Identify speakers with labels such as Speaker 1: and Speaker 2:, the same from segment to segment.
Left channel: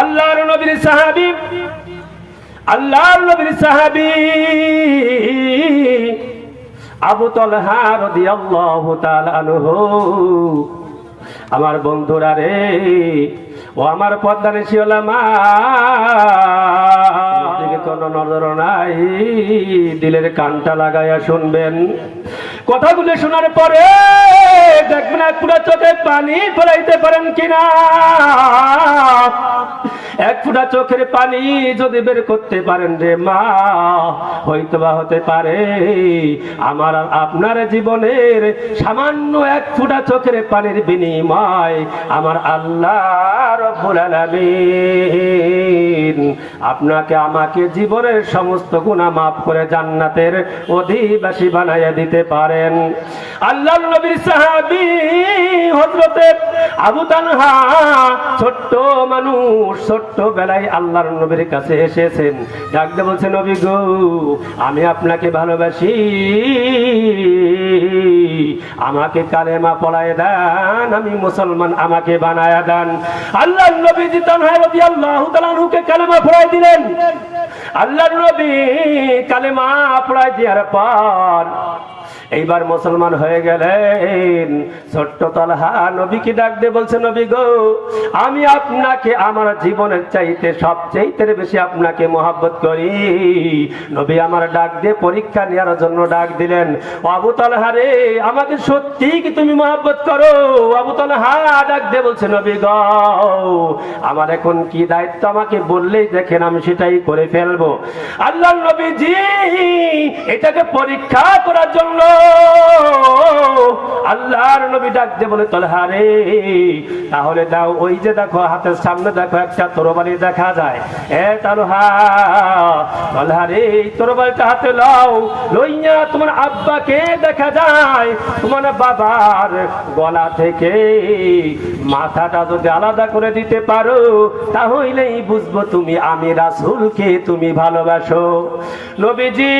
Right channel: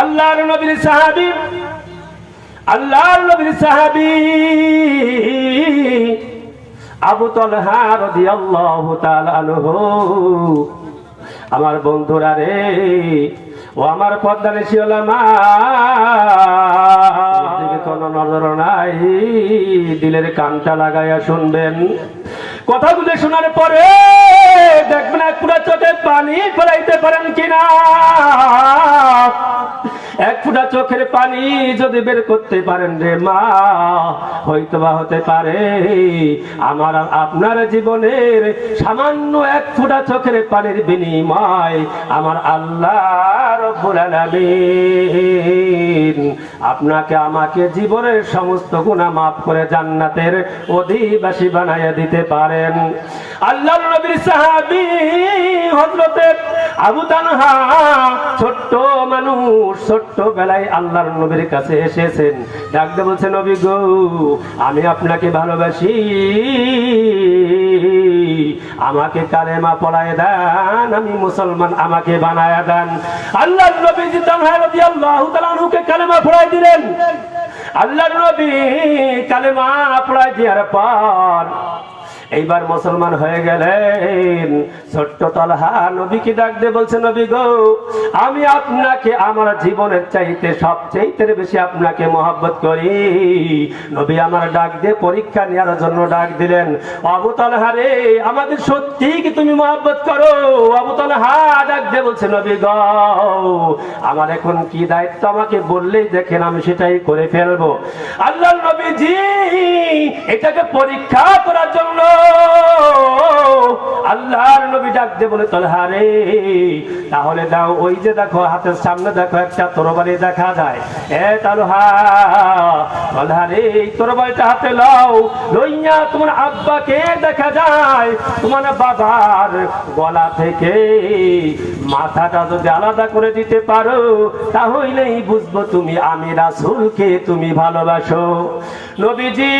Speaker 1: আল্লাহর নবীর সাহাবি, আল্লাহর নবীর সাহাবী আবু তলহা রাদিয়াল্লাহু তাআলা আনহু, আমার বন্ধুরা রে, ও আমার পদ্মানিশি ওলামা দিকে কোনো নজর নাই, দিলের কানটা লাগাইয়া শুনবেন। কথাগুলো শোনার পরে দেখবেন পুরো চোখে পানি ফেলাইতে পারেন কিনা। এক ফুটা চোখের পানি যদি বের করতে পারেন রে মা হয়তো বা হতে পারে। আমার আপনার জীবনের সামান্য এক ফুটা চোখের পানির বিনিময় আমার আল্লাহ আপনাকে আমাকে জীবনের সমস্ত গুনাহ মাফ করে জান্নাতের অধিবাসী বানাইয়া দিতে পারেন। নবীর আবু তালহা ছোট্ট মানুষ, ছোট্ট বেলায় আল্লাহর নবীর কাছে এসেছেন। ডাকতে বলছে, নবী আমি আপনাকে ভালোবাসি। আমাকে কালেমা পড়ায় দেন, আমি মুসলমান, আমাকে বানায় দেন। আল্লাহ নবীজি তানহা রাদিয়াল্লাহু তাআলা আনহুকে কালেমা পড়ায় দিলেন। আল্লাহ নবী কালেমা পড়ায় দেওয়ার পর এইবার মুসলমান হয়ে গেলেন। ছোট্ট তালহা নবীকে ডাক দিয়ে বলছে, নবী গো, আমি আপনাকে আমার জীবনের চাইতে সবচাইতে বেশি আপনাকে মহাব্বত করি। নবী আমার ডাক দিয়ে পরীক্ষা নেওয়ার জন্য ডাক দিলেন, আবু তালহা রে আমাকে সত্যি কি তুমি মহাব্বত করো? আবু তালহা ডাক দিয়ে বলছে, নবী গো, আমার এখন কি দায়িত্ব আমাকে বললেই দেখেন আমি সেটাই করে ফেলব। আল্লাহ নবীজি এটাকে পরীক্ষা করার জন্য আল্লাহর নবী ডাকতে বলে তলহা তাহলে দাও ওই যে দেখো, হাতের সামনে দেখো একটা তরবারি দেখা যায়। এ তালহা তরবারিটা হাতে লাও লইয়া তোমার আব্বাকে দেখা যায়। তোমার বাবার গলা থেকে মাথাটা যদি আলাদা করে দিতে পারো, তাহলেই বুঝব তুমি আমি রাসূলকে তুমি ভালোবাসো। নবীজি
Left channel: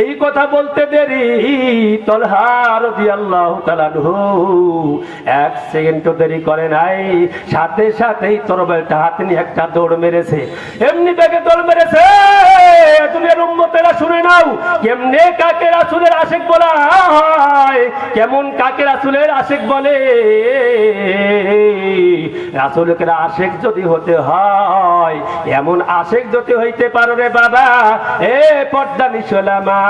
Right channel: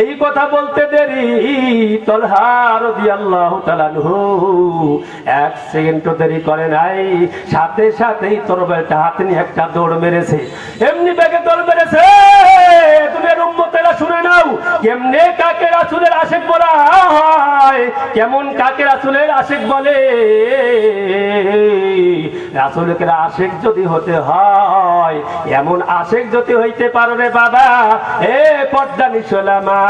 Speaker 1: এই কথা বলতে দেরি। এক দেরি সাথে সাথেই হাতে নিয়ে একটা দৌড় মেরেছে। এমনি দৌড় মেরেছে। শুনে নাও বলা হয়, কেমন কাকে রাসুলের আশেক বলে। রাসুলকে আশেক যদি হতে হয়, এমন আশেক যদি হইতে পারো রে বাবা। এ পর্দা নিশোলামা।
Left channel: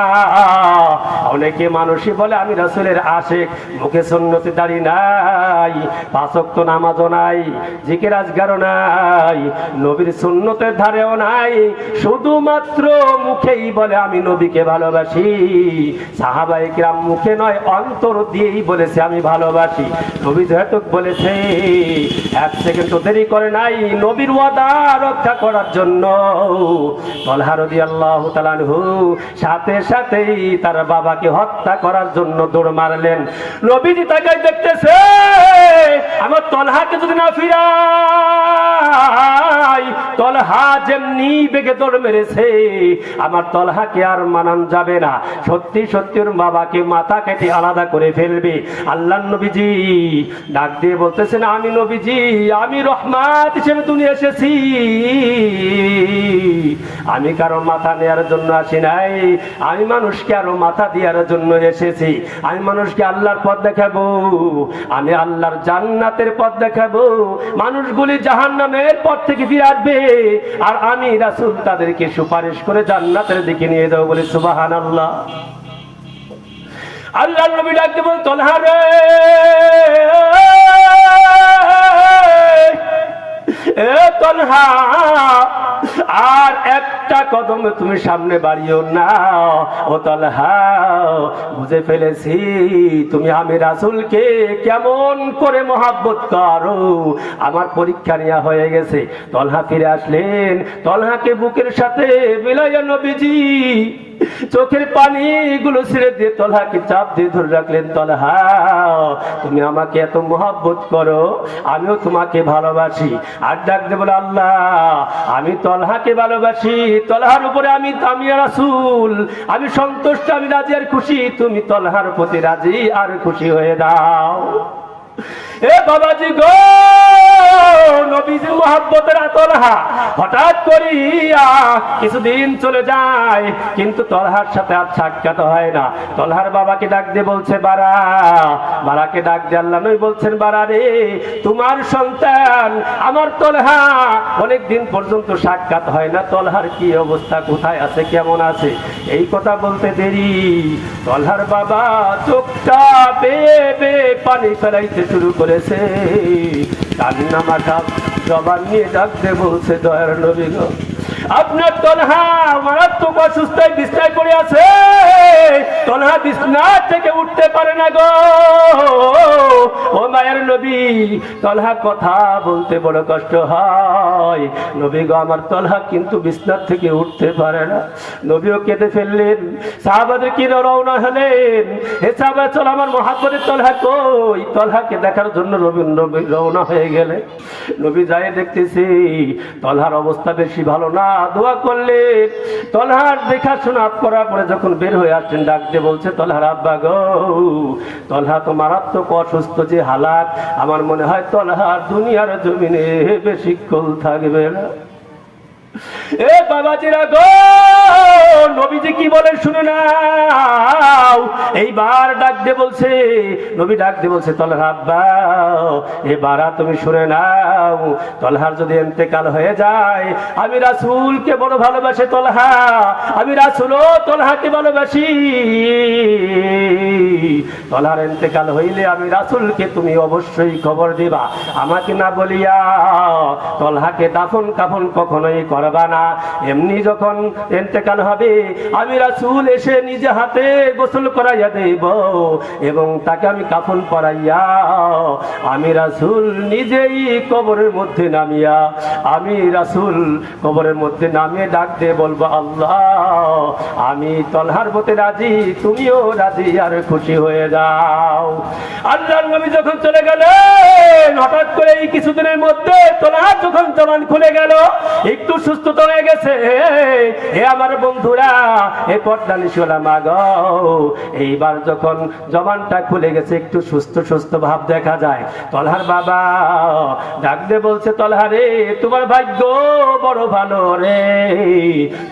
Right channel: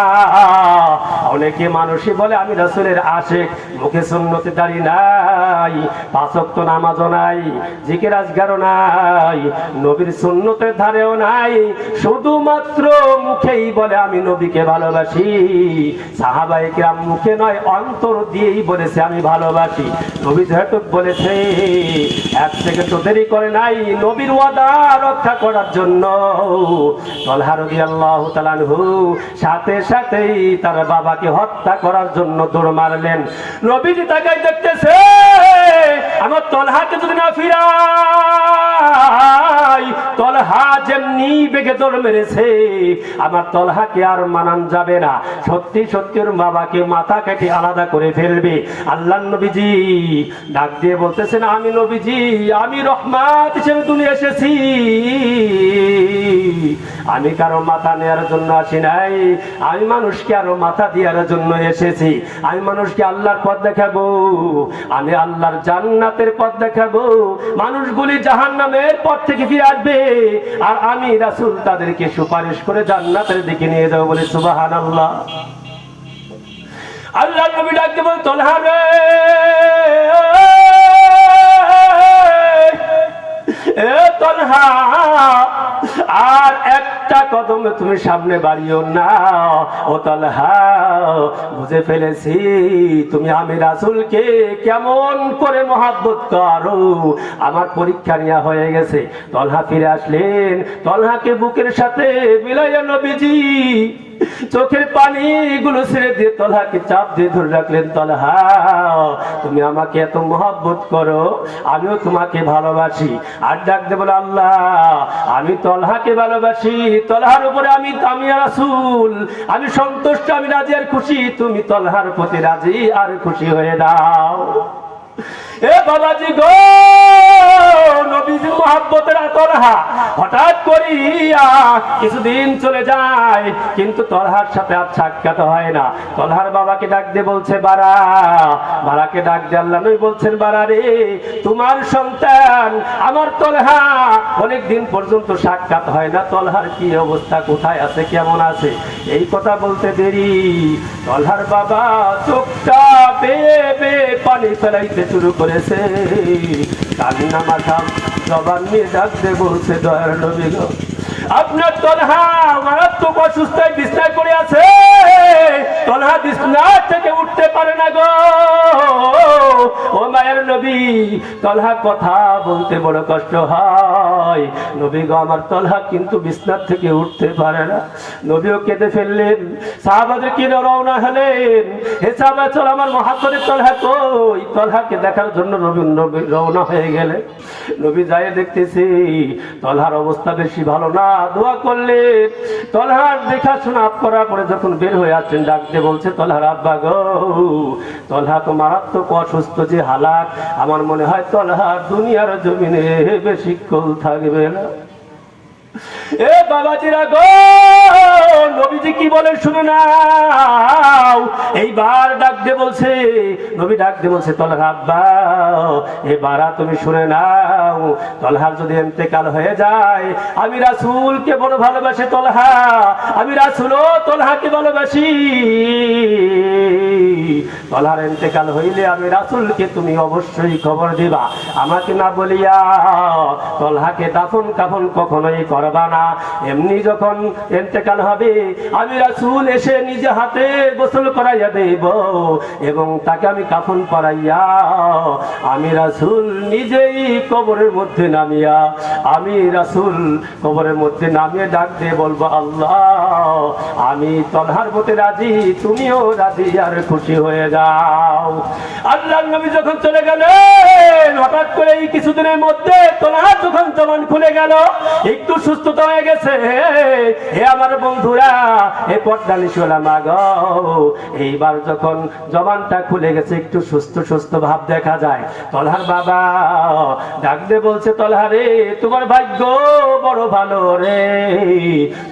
Speaker 1: অনেকে মানুষই বলে, আমি রাসুলের আশেক, মুখে সুন্নতি দাড়ি নাই পাঁচক্ত নামাজও নাই, জিকের আজগারও নাই, নবীর সুন্নতের ধারেও নাই, শুধুমাত্র মুখেই বলে, আমি নবীকে ভালোবাসি। সাহাবাই কিরাম মুখে নয়, অন্তর দিয়েই বলেছে, আমি ভালোবাসি। নবী যেহেতু বলেছে, এক সেকেন্ড দেরি করে নাই, নবীর ওয়াদা রক্ষা করার জন্য। তলহারদি আল্লাহ তালানহু সাথে সাথেই তার বাবাকে হত্যা করার জন্য দৌড় মারলেন। নবীজি তাকে দেখতেছে, আমার তলহাকে যদি না ফিরাই, তলহা যেমনি বেগে দৌড় মেরেছে, আমার তলহাকে আর মানান যাবে না। সত্যি সত্যি ওর বাবাকে মাথা কেটে আলাদা করে ফেলবে। আল্লাহ নবীজি ডাক দিয়ে বলতেছেন, আমি নবীজি, আমি রহমাত হিসেবে তুমি এসেছি। আমি কারও মাথা নেওয়ার জন্য আসি নাই। আমি মানুষকে আরও মাথা দেওয়ার জন্য এসেছি। আমি মানুষকে আল্লাহর পথ দেখাবো, আমি আল্লাহর জান্নাতের পথ দেখাবো। মানুষগুলি জাহান নামের পথ থেকে ফিরে আসবে, আর আমি রাসুল তাদেরকে সুপারিশ করে জান্নাতের দিকে নিয়ে যাব বলে সুবাহান আল্লাহ আল্লাহ নবী ডাকতে বল তলহারে এ তলহা! আর একটা কদম তুমি সামনে বাড়িও না। ও তলহা, বুঝে ফেলেছি তুমি আমি রাসুলকে কেমন করে মহাব্বত করো। আমার পরীক্ষা নেওয়া হয়ে গেছে। তলহা ফিরে আসলেন। তলহাকে বুকের সাথে মিলাইয়া নবীজি চোখের পানি গুলো ছেড়ে দিয়ে তলহাকে চাপ দিয়ে ধরে রাখলেন। তলহা, তুমি আমাকে এত মহাব্বত করো, আমিও তোমাকে ভালোবাসি। আর ডাক দেবো আল্লাহ, আমি তলহাকে ভালোবাসি, তলহার উপরে আমি তামিয়া রাসুল। আমি সন্তুষ্ট, আমি রাজি আর খুশি। তুমি তলহার প্রতি রাজি আর খুশি হয়ে দাও। এ বাবাজি গো! নবীজির মহাব্বতের তলহা হঠাৎ করিয়া কিছুদিন চলে যায়, কিন্তু তলহার সাথে আর সাক্ষাৎ হয় না। তলহার বাবাকে ডাক বলছে, বারা। বারাকে ডাক দিয়ে বলছেন, বারা রে, তোমার সন্তান, আমার তলহা। অনেক দিন পর্যন্ত সাক্ষাৎ হয় না। তলহার কি অবস্থা, কোথায় আছে, কেমন আছে? এই কথা বলতে দেরি। তলহার বাবা চোখটা বেয়ে বেয়ে পানি ফেলাইতে শুরু করেছে। কান্না মাথা জবান নিয়ে ডাকতে বলছে দয়ার নবী। আপনার তনহা মারাত্মক অসুস্থায় বিস্তার পড়ে আছে তলহা বিছনা থেকে উঠতে পারে না গো। ও মায়ের নবী, তলহা কথা বলতে বড় কষ্ট হয়। নবী গো, আমার তলহা কিন্তু থেকে উঠতে পারে না। নবীও কেঁদে ফেললেন কি রওনা হলেন। হে চল আমার তলহা কই? তলহাকে দেখার জন্য নবী নবী রওনা হয়ে গেলে নবী যায় দেখতেছি, তলহার অবস্থা বেশি ভালো না। দোয়া করলেন। তলহার দেখাশোনা করার পরে যখন বের হয়ে আসছেন ডাকতে বলছে তলহার আব্বা গো, তলহা তো মারাত্মক অসুস্থ যে হালাত। আমার মনে হয় তলহা দুনিয়ার জমিনে বেশিক্ষণ থাকবে না। এ বাবাজিরা গো, নবীজি কি বলে শুনো ডাক বলছে, নবী ডাক বলছে তলহা আব্বা এবার তুমি শুনে নাও, তলহার যদি এন্তেকাল হয়ে যায়, আমি রাসূলকে বড় ভালোবাসে তলহা, আমি তলহাকে ভালোবাসি। তলহার এন্তেকাল হইলে আমি রাসূলকে তুমি অবশ্যই খবর দিবা। আমাকে না বলিয়া তলহাকে দাফন কাফন কখনোই করবা এমনি যখন এন্তেকাল হবে, আমি রাসূল এসে নিজে হাতে গোসল করাইয়া দেব এবং তাকে আমি কাফন পরাইয়া, আমি রাসূল নিজেই কবরের মধ্যে নামিয়া, আমি রাসূল কবরের মধ্যে নামিয়ে ডাক দিয়ে বলব, আল্লাহ, আমি তলহার মতে রাজি, তুমিও রাজি, আর খুশি হয়ে যাও। আল্লাহ নবী যখন চলে গেলেন, হঠাৎ করে এই কিছুদিনের মধ্যে তলহার যখন জবান খুলে গেল, একটু সুস্থতা হয়ে গেছে হে আমার বন্ধুরা, এ পর্দানি শোলা মাগ, এইবার যখন জবানটা খুলে গেছে, একটু সুস্থ সুস্থ ভাব দেখা যায়। তলহার বাবা ডাক দিয়ে বলছে তলহারে তোমার ভাগ্য বড় ভালো রে।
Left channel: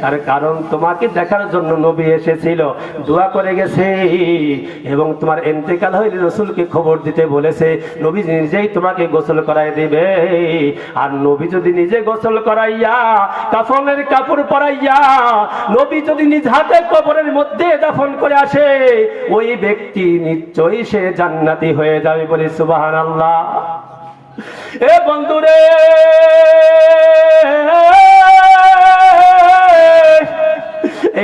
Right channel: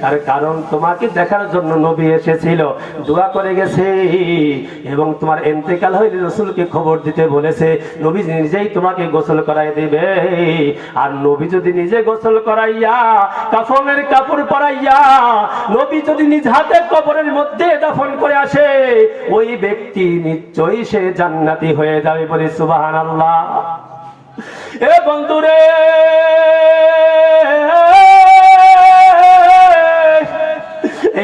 Speaker 1: তার কারণ তোমাকে দেখার জন্য নবী এসেছিল। দোয়া করে গেছে এবং তোমার এন্তেকাল হইলে রসুলকে খবর দিতে বলেছে নবী নিজেই তোমাকে গোসল করাই দিবে। আর নবী যদি নিজে গোসল করাইয়া কাফনের কাপড় পরাইয়া নবী যদি নিজ হাতে কবরের মধ্যে দাফন করে আসে, ওই ব্যক্তি নিশ্চয়ই সে জান্নাতি হয়ে যাবে বলে সুবাহান আল্লাহ এ বন্ধুরে!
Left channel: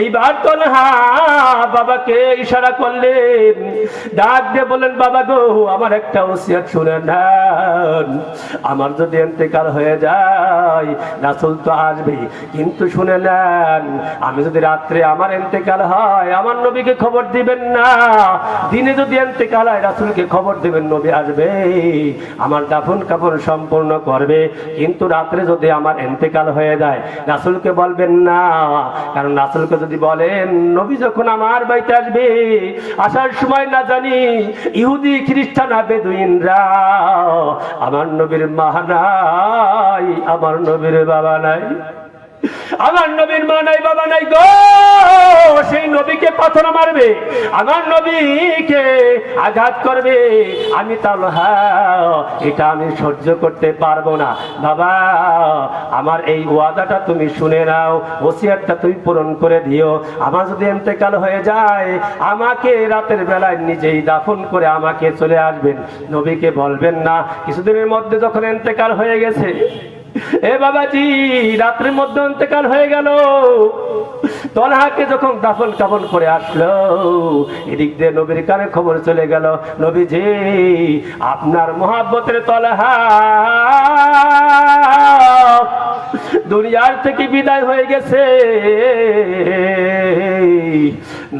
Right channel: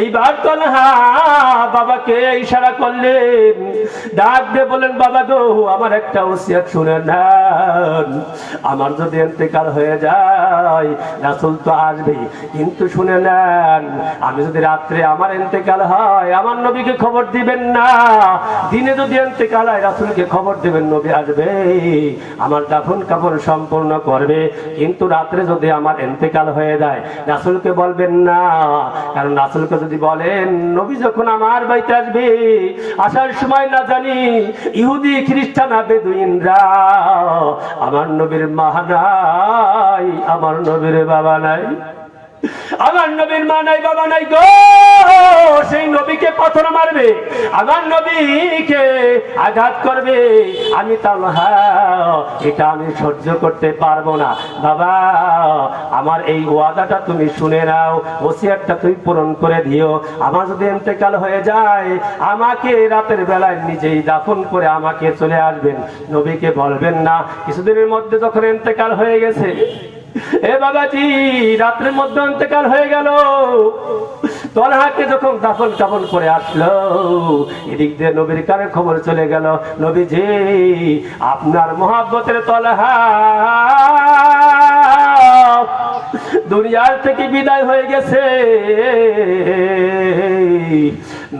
Speaker 1: এইবার তো না, বাবাকে ইশারা করলেন। ডাক দিয়ে বলেন বাবা গো, আমার একটা ওসিয়াত শুনে নেন। আমার যদি এন্তেকাল হয়ে যায়, রাসুল তো আসবে, কিন্তু শুনে নেন, আমি যদি রাত্রে আমার এন্তেকাল হয়, আমার নবীকে খবর দিবেন না। দিনে যদি এন্তেকাল হয়, রাসুলকে খবর দিবেন, নবী আসবে, আমার দাফন কাপড় সম্পূর্ণ করবে। কিন্তু রাত্রে যদি আমার এন্তেকাল হয়ে যায়, রাসুলকে বলবেন না, কারণ রাসুলকে যদি বলেন, নবী যখন আমার বাড়িতে আসবে, আসার সময় না জানি ইহুদি, খ্রিস্টান বেদুইনরা আমার নবীর মাহানাই নাই, আমার নবীর বাবা নাই, আমার নবীর মা নাই, বাবা নাই গো! সেই নবীকে পাথর মারবে, আমার নবীকে আঘাত করবে। আমি তালহা এটা আমি সহ্য করতে পারব না। বাবা, আমার এই ওয়াদাটা তুমি শুনে নাও ওসিয়ারটা তুই পূরণ করে দিও। আমার যদি এতেকাল হয়ে যায়, আমাকে রাতের বেলায় নিজেই দাফন করে আমাকে চলে আসবেন। নবীকে বলবেন না। কিছুদিনের মধ্যে যখন এতেকাল হয়ে গেছে এ বাবাজি, রাত্রের মধ্যে অন্তকাল হয়ে গেল। তলহাকে যখন দাফন কাফন করে আসলো, এদিক দিয়ে নবীর কানে খবর চলে গেল, নবীজি, আপনার মহাব্বতের তলহা দুনিয়ার থেকে বিদায় হয়ে গেছে।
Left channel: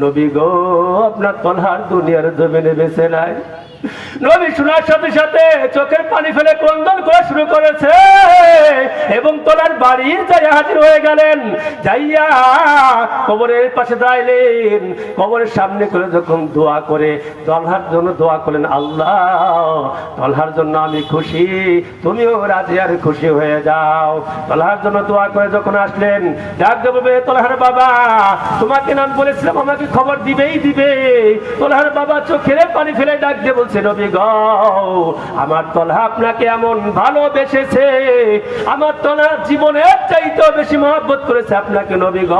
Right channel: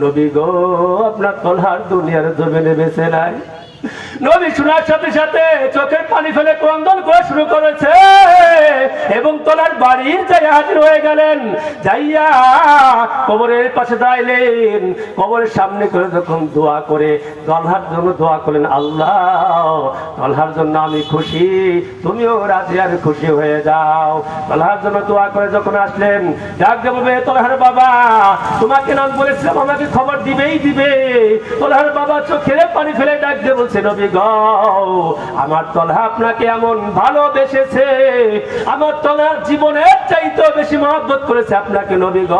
Speaker 1: নবী গো, আপনার তলহার দুনিয়ার জমিনে বেছে নাই। নবী শোনার সাথে সাথে চোখের পানি ফেলে ক্রন্দন করা শুরু করেছে। এবং তোলার বাড়ির যাই হাজির হয়ে গেলেন। যাইয়া কবরের পাশে দাঁড়াইলেন। কবরের সামনে করে যখন দোয়া করে, তলহার জন্য দোয়া করলেন, আল্লাহ, তলহার জন্য আমি খুশি। তুমিও রাজি আর খুশি হয়ে যাও। তলহার জন্য দোয়া করে যখন আসলেন, ডাক দেবে তলহার বাবা, তোমাকে নাম বলেছিলাম, আমাকে খবর দিবেই দিবে। তলহার বাবা চোখে পানি ফেলে ডাক দিয়ে বলছে, নবী গ, আমার তলা আপনাকে এমন ভালোবেসেছে। আমার তলার জীবনের চাইতেও বেশি মহব্বত করেছে আপনাকে, নবী গ।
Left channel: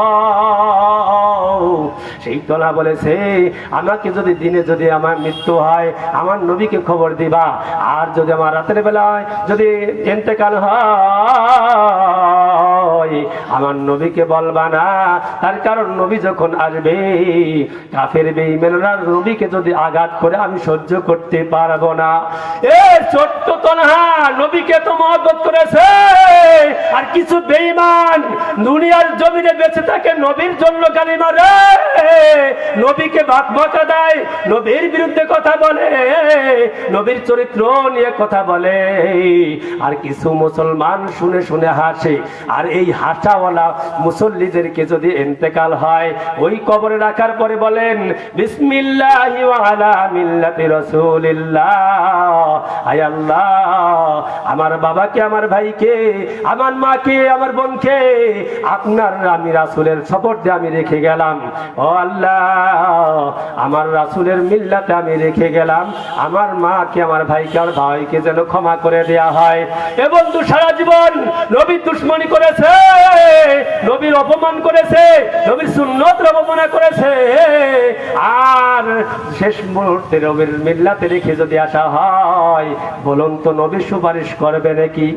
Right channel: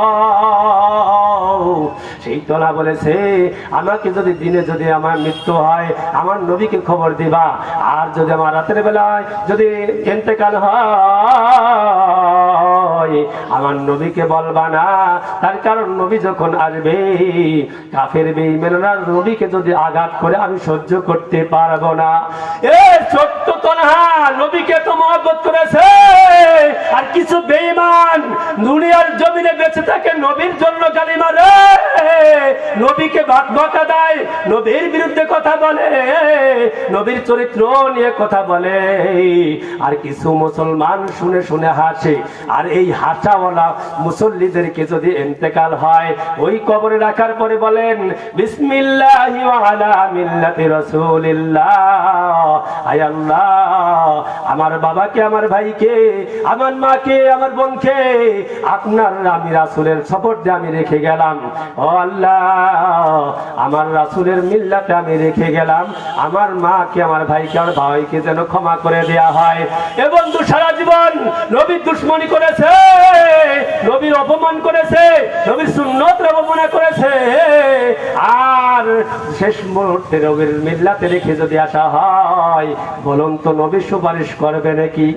Speaker 1: সেই তলা বলেছে, আমাকে যদি দিনে যদি আমার মৃত্যু হয়, আমার নবীকে খবর দিবা। আর যদি আমার রাতের বেলায় যদি এতেকাল হয়, আমার নবীকে বলবা না। তার কারণ নবী যখন আসবে, কাফের বেইমেনরা নবীকে যদি আঘাত করে, আমি সহ্য করতে পারব না। এ ছোট্ট তনহা, নবীকে তো মহব্বত করেছে। আর কিছু বেইমান দুনিয়ার জমিনে বেঁচে থাকে, নবীর জন্য গালি মারে। নবীকে বাক দেয়, নবীর বিরুদ্ধে কথা বলে, নবীর চরিত্র নিয়ে কথা বলে। আর কিছু মুসলমান শুনে শুনে হাসে, আর এই হাসাওয়ালা মুসল্লিদেরকে যদি ইন্তেকাল হয়, ওই কবরে রাখার পরে বলেন আমার বাবাকে, আমার ভাইকে, আমার মাকে, আমার বোনকে, আপনার আমি রাসূলের দিয়ে আমি রেখে গেলাম। আমার রাসূলের মিল্লাতে আমি রেখে গেলাম। আমার মাকে, আমার ভাইকে আমার ভাইকে যেন ক্ষমা করে দেয়া হয়। এ বন্ধু, সারা জীবন নবীর দুশ্মনী করেছে, নবীর অপমান করেছে, নবীর সুন্নত অবমাননা করেছে। আর শেষ মুহূর্তে নবীর মিল্লাতে রেখে যদি আসা হয়, বলুন তো নবী সুপারিশ করবে নাকি?